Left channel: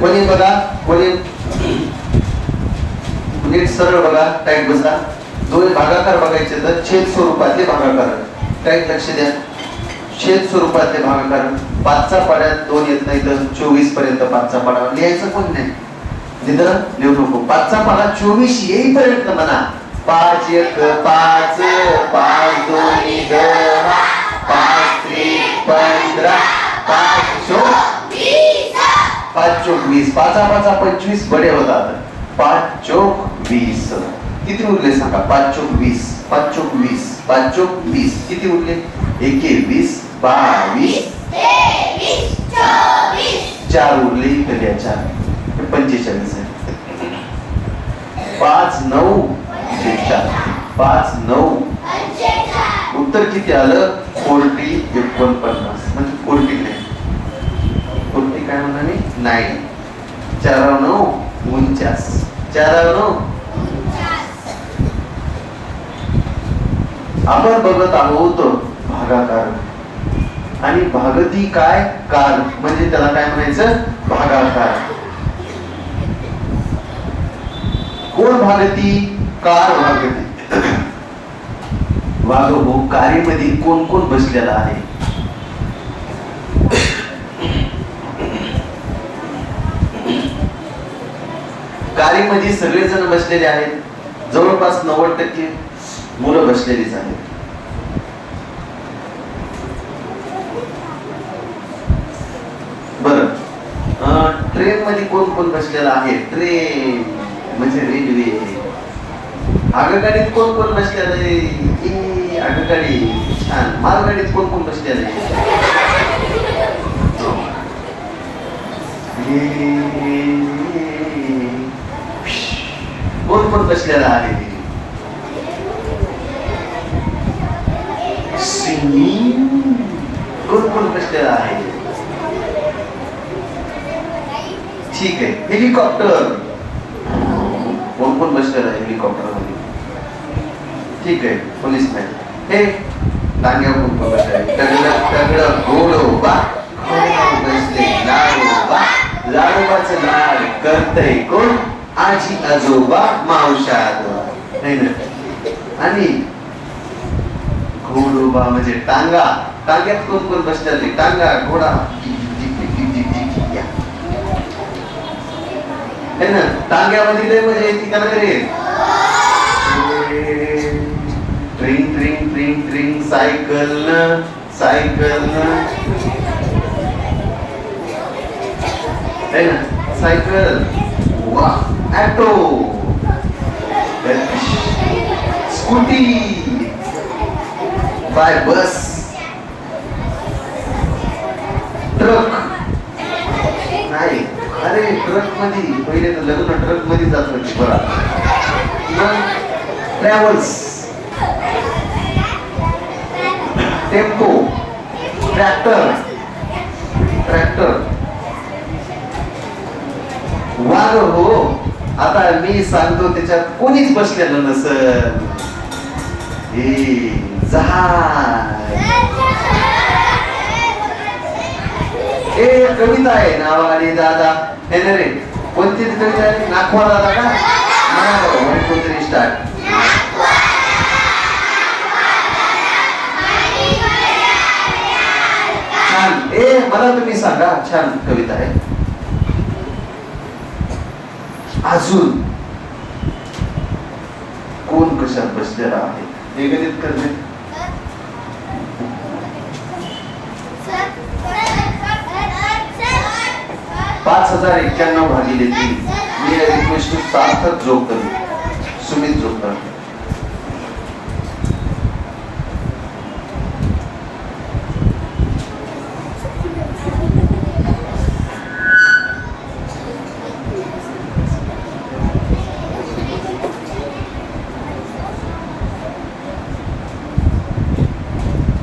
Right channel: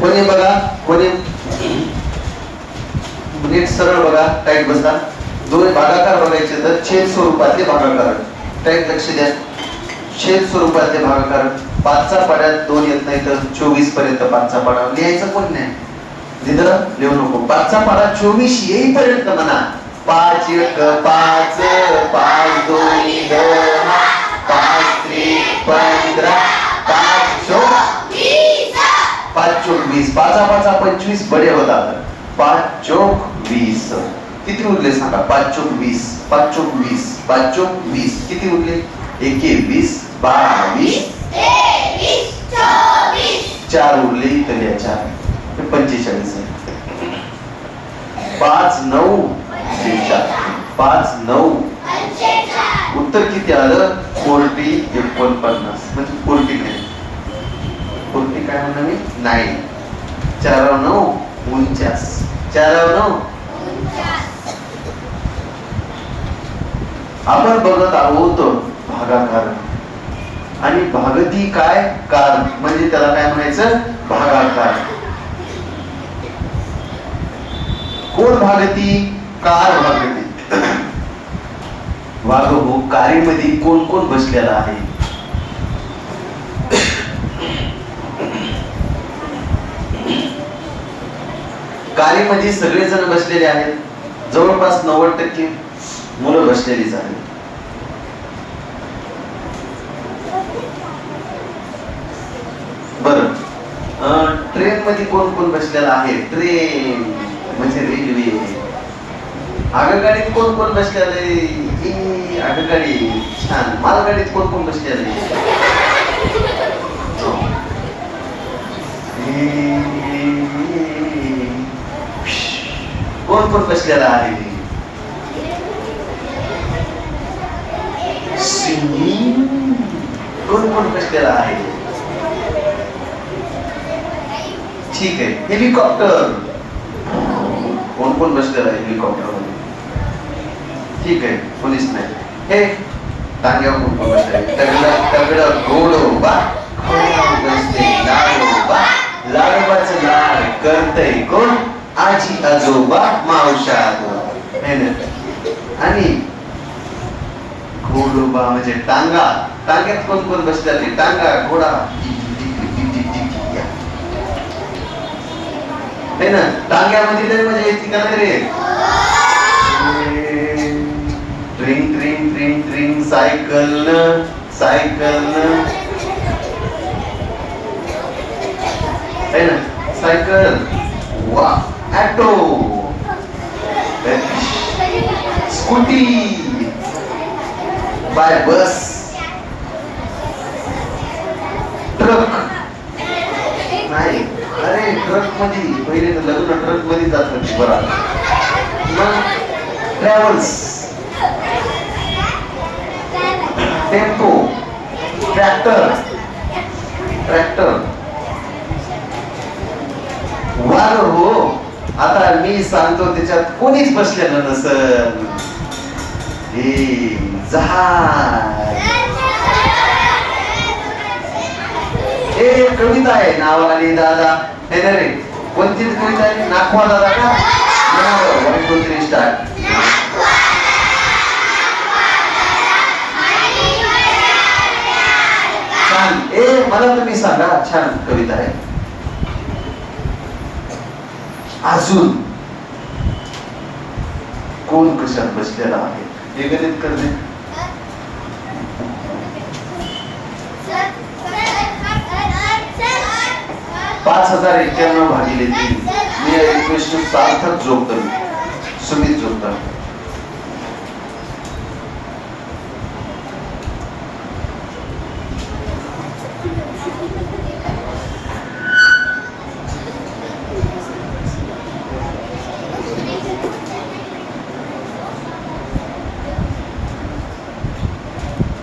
कोणी बघा कोणी? नीट सरळ बघा टाईट बसा. दोन भागाकार बघायचे तर छेद स्वरूपातले भागाकार. टाईट लक्ष द्या. छेद स्वरूपातले भागाकार. पाचचा पाड्यात दोन येत नाही तर चोवीसपर्यंत पाचचा पाडा. लिहायचं कोण नाही? तिथं लिहू नको. पाचचा पाडा चोवीस येईपर्यंत म्हणा. पाच एक पाच पाच दोन वीस पाचा पाचा पंचवीस बडे होतात. पाच चोक वीस. किती उरले सांगा? पाच चोक वीस. पाच चोक वीस. पाच चोक वीस. किती उरले? एके वीस बावीस. चार उरले इकडे चार. पंचेचाळीस आहे. पाच नऊ. पाच नऊ. उत्तर किती आलं? फोर्टी एकोणपन्नास. म्हणजे फोर्टी नाईन. फोर्टी काय म्हणा नाईन. चार नऊ उनचास चार नऊ आपण बघत आहोत भागाकार. आणि भागती काय? कार. म्हणजे त्याला काय म्हणायचं? भागाकार. कोण भागती? कार भागती. वाघ कारीमध्ये कोण कोण बसलेला आहे? कारीमध्ये सगळेजण बसलेले आहेत. जवळपास नव्वद टक्के मुलं बसलेलीच आहेत. बर. ट्रेन मध्ये कोण कोण बसलेला आहे? ट्रेन म्हणजे रेल्वे. आगगाडीत कोण कोण बसलेले ए, आगगाडी. छान. मालगाडीत कोण कोण बसलेले आहे कोण कोण बसलेला आहे सिंगिंग कोण कोण बसलेला आहे ठीक आहे हेलिकॉप्टर कोण कोण बसलेला आहे हेलिकॉप्टरमध्ये ठीक आहे पोलीस नाही हे टांग्यावर कोण कोण बसलेले तगडा तगडा घोडोबा बसले लाडोबा लाडोबाचं लाड करतय कोण आजी आजोबा मावशा आजोबा है ना? आणि घोडोबा म्हणजे टांगा. टांग्यात कोण कोण बसतात टांगा घोडा. है ना? टांग्यामध्ये लय मजा येते का रे? ट्रिंग ट्रिंग ट्रिंग ट्रिंग सायकल सायकल. है ना? सायकल. वा auto scooty by bus truck नाही. अरे ट्रकमध्ये पहिले तर लग्न ट्रकमध्ये जात बरा. ट्रॅव्हल्स टेम्पो ट्रॅक्टर ट्रॅक्टर वाघ हो आता मी सांगतो त्याच्यात कोणीच बसलेलं नसल. हे जहा हे कविता आहे नावाने दादा. हे रे कोणती कविता आहे? नाखवा दादा का? वन स्टार्ट छान. ए मला तुम्ही सांगा छान कविता आहे. अजून कोण कशात बसलेला आहे? हे गणित करणे पाच हजार एक्क्याण्णव भागिले तीन. मी रिक्वेस्ट सार्थक जोगदर सुमित जोगदर